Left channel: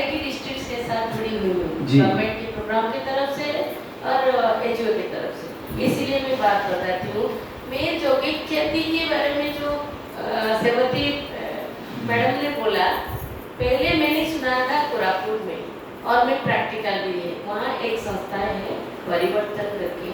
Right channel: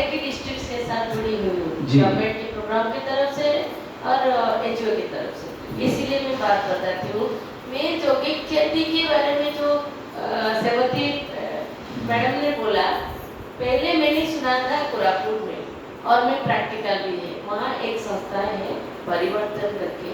एक ही डिस्ट्रिक्ट के साथ जुड़ी हुई हूँ, जी। गवर्नमेंट के प्रोग्राम की तरफ से और एचओ की तरफ से, इसलिए मैं बात बताती हूँ। मैं जैविक खेती के बारे में जो सेवती मैडम ने बोला, पहले मैंने सुना था कोरापुट में, और मैं प्रैक्टिकल भी है, वहाँ एक संस्था है परिवर्तन करके,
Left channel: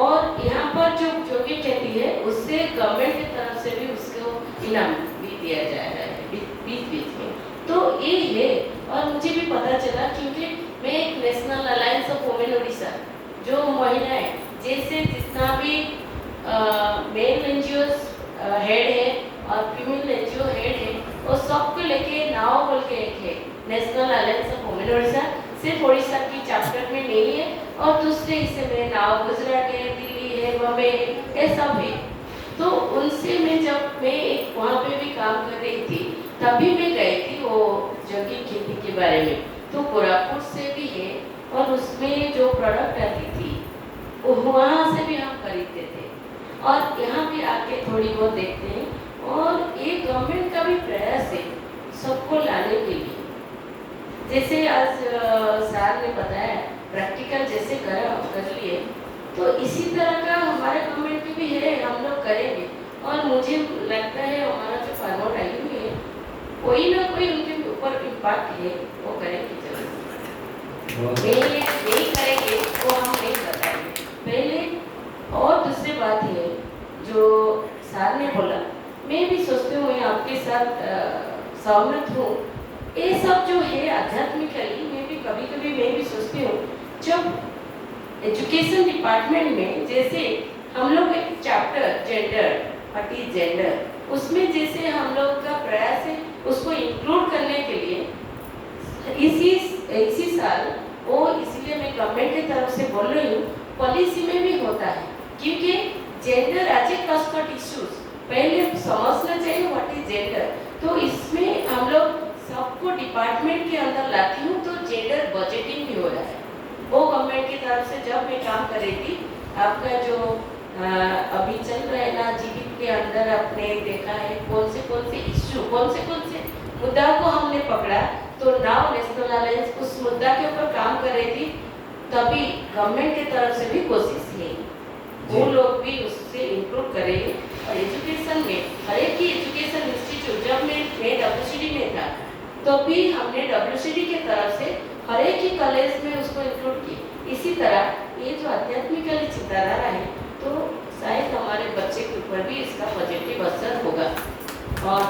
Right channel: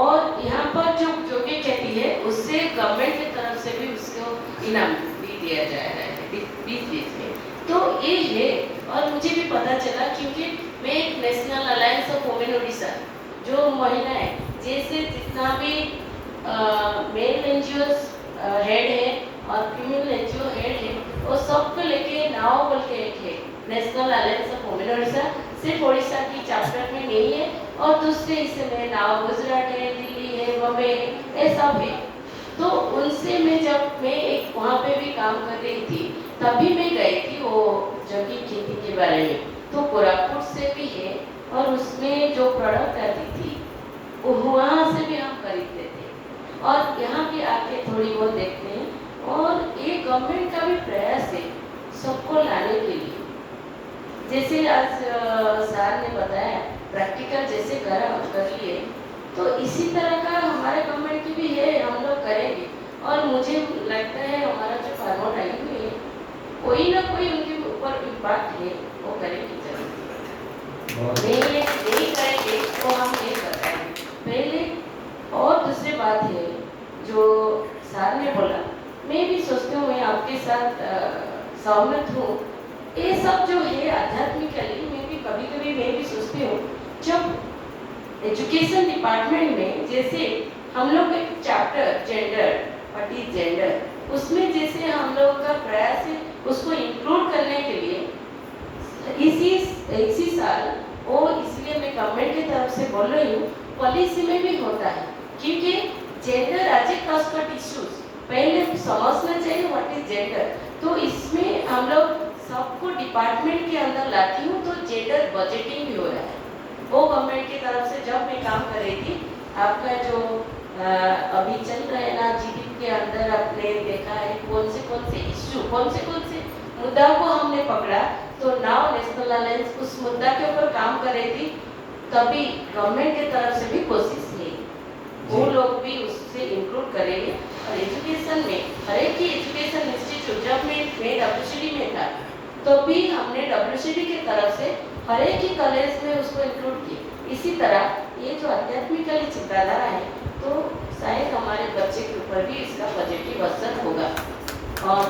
और यहाँ पर जो जैविक खेती है उससे गवर्नमेंट की तरफ से भी उसको इनाम भी दिया जा रहा है बीच बीच में, तो ये है। और मुझे भी पता चला क्योंकि मैं एक national alliance of women Orissa, जो महिलाएं जैसे जितना भी मेल एनजीओस हेड है और फीमेल एनजीओ हेड है, वो सबको लेके नाव बोल के एक है national alliance of women Orissa, सिर्फ उड़ीसा की चैप्टर में नहीं है, और दूसरे हिस्से में नाव गुजरात है, दिल्ली है, बम्बई है, ये सब है। तो उनसे मैं जब मैं एक वहाँ पे भी काम कर रही थी, तभी मैं गई थी वो जैविक खेती के बारे में, तो कोरापुट से भी है, और उसमें जो प्रोडक्ट आती थी वो वहाँ से भी हम खरीदते थे, और यहाँ भी आके थोड़ी बहुत देखते हैं। और ये गवर्नमेंट का भी प्रयास है सबको लाने के लिए, जैसे आज सर ने बताया प्रैक्टिकल जैसे कर लिए, तो इसी तरह का हमारे गवर्नमेंट की भी है, हम लोग करेंगे। और मुझे लगता है हमारा जो फार्मर आई हुई है, कोई ना कोई उनके ऊपर इम्पैक्ट है, वो करेंगे जरूर, नहीं करेंगे वो हम नहीं कर पाएंगे पहले। और दूसरी बात है जो सर ने बोला, मैं भी सोचती हूँ, मैं आपके साथ सहमत हूँ, ये सब जो है आध्यात्मिकली मैं भी कभी कभी मैं भी सोचती हूँ, जब एजुकेशन डिपार्टमेंट में जैसे हम लोग एक chapter gender, what is gender, उसमें जैसे हम लोग का प्रयास है उसको इंक्लूड करने के लिए इसी साल वो, इसलिए मैं गवर्नमेंट की तरफ से बोल रही हूँ, पॉलिसी में भी होता है, क्योंकि जेंडर एज ए कॉस्कट इश्यूज पहले समझना चाहिए व्हाट इज जेंडर। तो इसमें हम लोग सबको डिपार्टमेंट के अंदर लाती हूँ, तो जेंडर बजटिंग भी हो रहा है वो गवर्नमेंट की तरफ से। जब मैं काम कर रही थी, आपका जो अभी चल रहा है ना जीवित के अंदर, आपने देखा है कौन से इश्यू, कौन से मुद्दा को हमने पकड़ा, तो नाउ नेशनल अलायंस उस मुद्दा के ऊपर काम कर रही थी, तभी गवर्नमेंट की तरफ से भी कोशिश की, वो लोग भी उससे इंक्लूड करेंगे। और एजुकेशन में हर एक की एजुकेशन इंस्टीट्यूट, जब मैं WCD में था, तो भी हमने WCD की तरफ से हर एक ही कॉलेज में उसको इंक्लूड किया। इसी तरह ये जो आध्यात्मिक चिंताधारा है, तो शायद हमारे बच्चे के ऊपर भी इसका पॉजिटिव असर होगा, और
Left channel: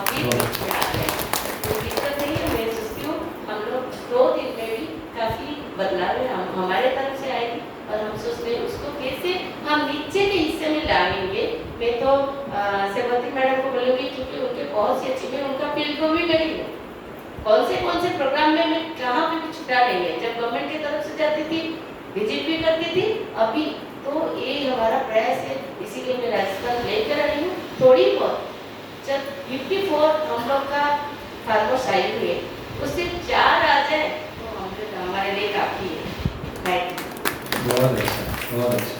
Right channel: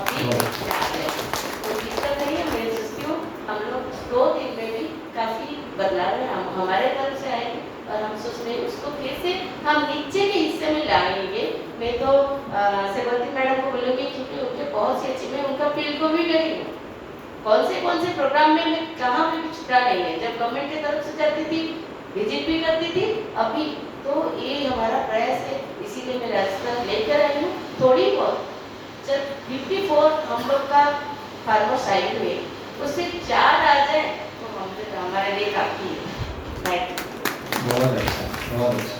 तो दिक्कत नहीं है। मैं सोचती हूँ हम लोग 2 दिन में भी काफ़ी बदलाव है हमारे तरफ से आएगी, और हम सोच रहे हैं उसको कैसे हम नीचे के हिस्से में लाएंगे। मैं तो सेवंती मैडम को बोलूँगी, क्योंकि उनके बहुत सी अच्छी, मैं उनका फील्ड को भी गई हूँ, कौन से प्रोग्राम में मैं कहाँ पे भी छुटा नहीं है, जब गवर्नमेंट की तरफ से जाती थी विजिट भी करती थी, अभी तो ये हमारा प्रयास है, इसीलिए मैं रेस्टोरेंट लेकर आई हूँ थोड़ी बहुत। जब 54 हम लोग का फार्मर साइड हुए, उससे 4 आ जाए तो हम लोग हमारे लिए काफ़ी है। बहुत अच्छा, बहुत अच्छा।